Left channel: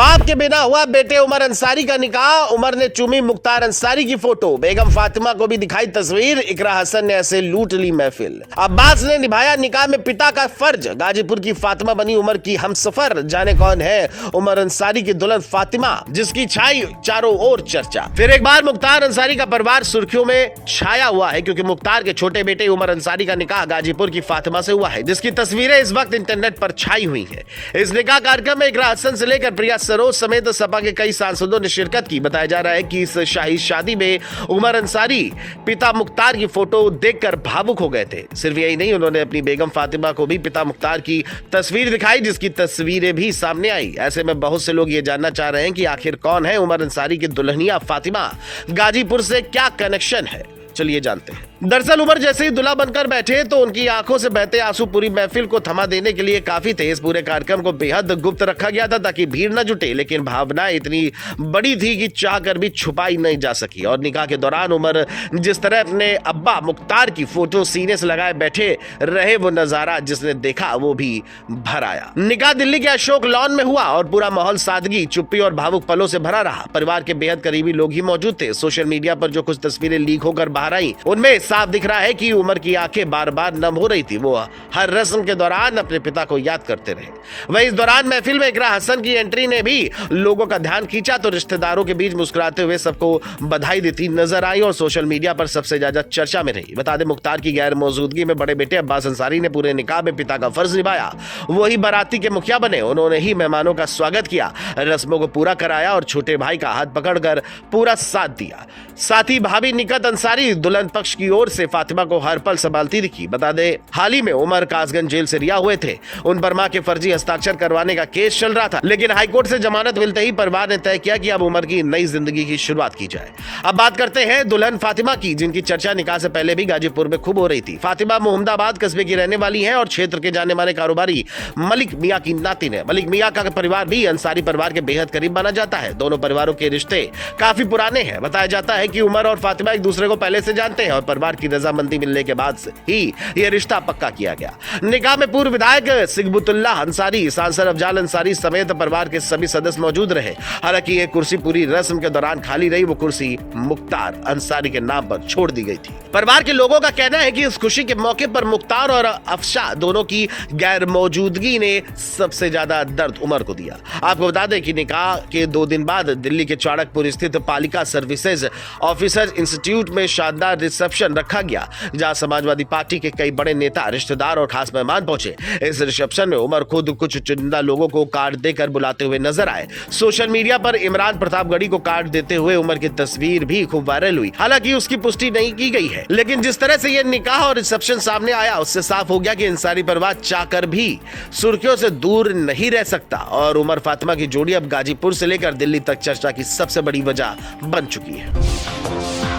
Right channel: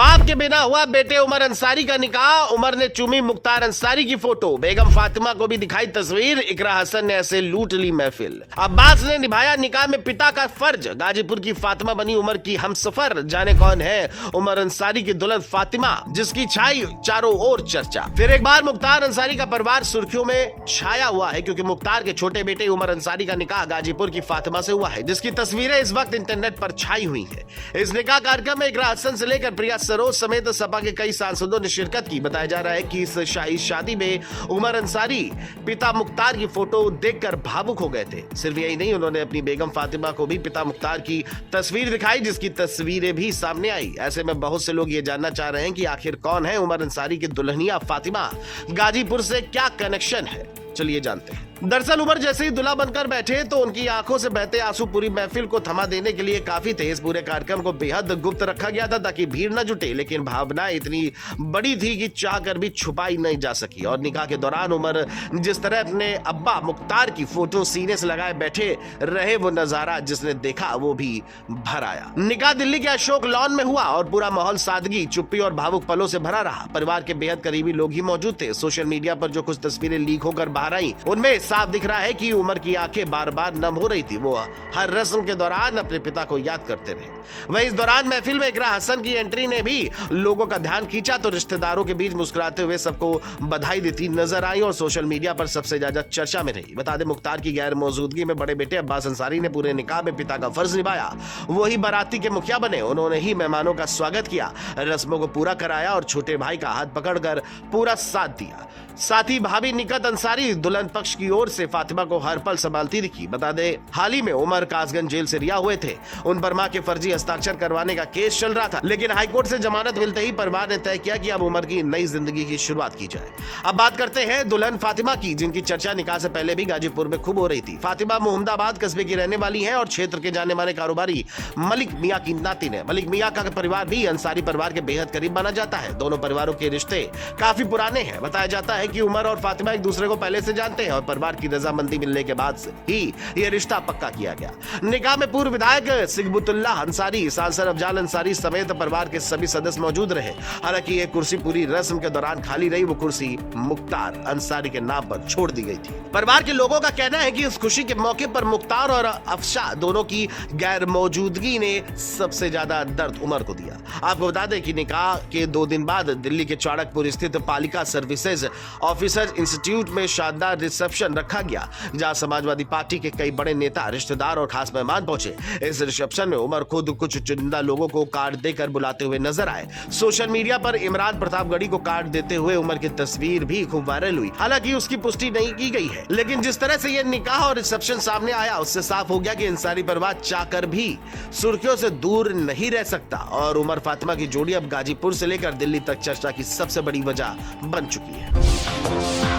बाप के बिना हुआ बेटे उमर अंसारी का निकाह। उमर ने चूमी मुख्तार अंसारी की फोटो, बेगम फातिमा को भी दिखाई तस्वीर। इकरा हसन ने ऐसे लूट ली महफिल। अब्बास ने निभाया निकाह में पिता का फर्ज। गाजीपुर की फातिमा बनी उमर की हमसफर। जाने कौन है उमर अंसारी की दुल्हन फातिमा, जिसकी छाई चारों ओर चर्चा। फिर एक बार मुख्तार अंसारी का परिवार सुर्खियों में छाया हुआ है, क्योंकि मुख्तार के छोटे बेटे उमर अंसारी का निकाह गाजीपुर की फातिमा से हुआ है, जिसकी तस्वीरें इस वक्त इंटरनेट पर छाई हुई है। इस निकाह कार्यक्रम में इकरा हसन से लेकर प्रिया सरोज समेत सपा के कई सांसदों ने शिरकत की। बताया जा रहा है कि इस शाही शादी में उमर अंसारी पिता मुख्तार की फोटो देखकर भावुक हो गए थे। सिर्फ यही नहीं, उन्होंने अपनी बेगम फातिमा को भी पिता मुख्तार की तस्वीर दिखाई, जिसकी तस्वीरें भी सामने आई। ऐसे में बहुत से लोग ये जानना चाह रहे हैं कि आखिर कौन है उमर अंसारी की दुल्हनिया फातिमा, गाजीपुर से क्या कनेक्शन है। चलिए जानते हैं। दरअसल उमर जैसे ही दुल्हा बनकर बैठे तो उनकी आंखों से बहते आंसू पूरी महफिल को थमा देने के लिए काफी थे। इस पूरे कार्यक्रम को बेहद गुप्त रखा गया था ताकि भीड़ न जुटे, लेकिन भावनाएं इतनी बड़ी थी कि चाहकर भी छुपाई नहीं जा सकी। और निकाह के दौरान उमर जिस तरह अपने अब्बा मुख्तार की फोटो सीने से लगाए बैठे रहे, वो नजारा जिसने देखा वो भी भर आया। निकाह दिल्ली के अशोक लॉन में हुआ और पूरा माहौल सादगी, चुप्पी और भावुक पलों से भरा रहा। परिवार के बेहद करीबी लोग ही मौजूद थे। सोशल मीडिया पर जो कुछ तस्वीरें लीक होकर बाहर आई, उनमें साफ दिख रहा है कि उमर की आंखें बार बार नम हो रही थी। वो हर रस्म के दौरान अपने पिता को याद करते रहे। वहीं इस दौरान महफिल में इकरा हसन की एंट्री ने भी लोगों का ध्यान खींचा, तो रिश्तेदारों के बीच मुस्कुराते हुए सबको बधाई देती नजर आई और सोशल मीडिया पर सबसे ज्यादा चर्चा में रही। बता दें, मुख्तार की गैर मौजूदगी में बड़े बेटे अब्बास अंसारी ने पूरे निकाह में पिता का फर्ज निभाया। वही बाराती के मुखिया बने। उन्होंने ही मेहमानों का स्वागत किया, रस्मों को पूरा कराया और छोटे भाई का हाथ पकड़कर पूरा साथ दिया। साथ ही भाभी निकत अंसारी दुल्हन पक्ष की ओर से फातिमा को हर पल संभालती दिखी। बता दे, हाल ही में उमर कासगंज जेल से रिहा हुए थे। उन पर मां के फर्जी हस्ताक्षर करवाने का केस चल रहा था, लेकिन हाईकोर्ट से जमानत मिलते ही परिवार ने तय किया कि अब उमर की नई जिंदगी की शुरुआत की जाए। अब बात करते हैं दुल्हन फातिमा की, जिनकी चर्चा निकाह से पहले भी गाजीपुर में खूब हो रही थी। फातिमा मोहम्मदाबाद कस्बे की रहने वाली है और क्षेत्र के जाने माने कारोबारी मलिक मियां की नातिन है। मलिक मियां का परिवार भी अंसारी परिवार के बेहद करीब माना जाता है। दोनों परिवारों के रिश्ते काफी पुराने हैं। बताया जाता है कि उमर और फातिमा एक दूसरे को पहले से जानते हैं और परिवार की रजामंदी मिलने के बाद से ही यह रिश्ता पक्का किया गया। निकाह में पूर्व विधायक सिगबुतुल्लाह अंसारी, सांसद अफजाल अंसारी समेत परिवार के सभी सदस्य मौजूद रहे। हालांकि यह कुर्सी पूरी रस्म के दौरान खाली रही। वो कुर्सी मुख्तार अंसारी के नाम पर छोड़ दी गई थी। परिवार के लोगों का कहना है कि इस खुशी के मौके पर मुख्तार और अफशा दोनों की गैर मौजूदगी ने सबसे ज्यादा दर्द उमर को दिया। आपको बता दें कि निकाह के 2 दिन बाद दिल्ली के चाणकपुर स्थित पालिका सर्विसेज ऑफिसर इंस्टीट्यूट में शानदार रिसेप्शन रखा गया, जहां समाजवादी पार्टी के कई बड़े नेता, रिश्तेदार और खास मेहमान पहुंचे। इस रिसेप्शन में उमर खुद कुछ चुनिंदा लोगों को कार्ड देकर बुलाते हुए नजर आए। सोशल मीडिया पर इमरान प्रतापगढ़ी को कार्ड देते हुए उमर की तस्वीर भी खूब वायरल हुई। हालांकि उसकी पुष्टि नहीं की गई है, लेकिन जिस तरह से यह निकाह और रिसेप्शन सामने आया, उससे साफ हो गया कि अंसारी परिवार चाहकर भी सुर्खियों से दूर नहीं रह सकता और उमर फातिमा की जोड़ी अब गाजीपुर से लेकर दिल्ली तक चर्चा की सबसे बड़ी वजह बन चुकी है।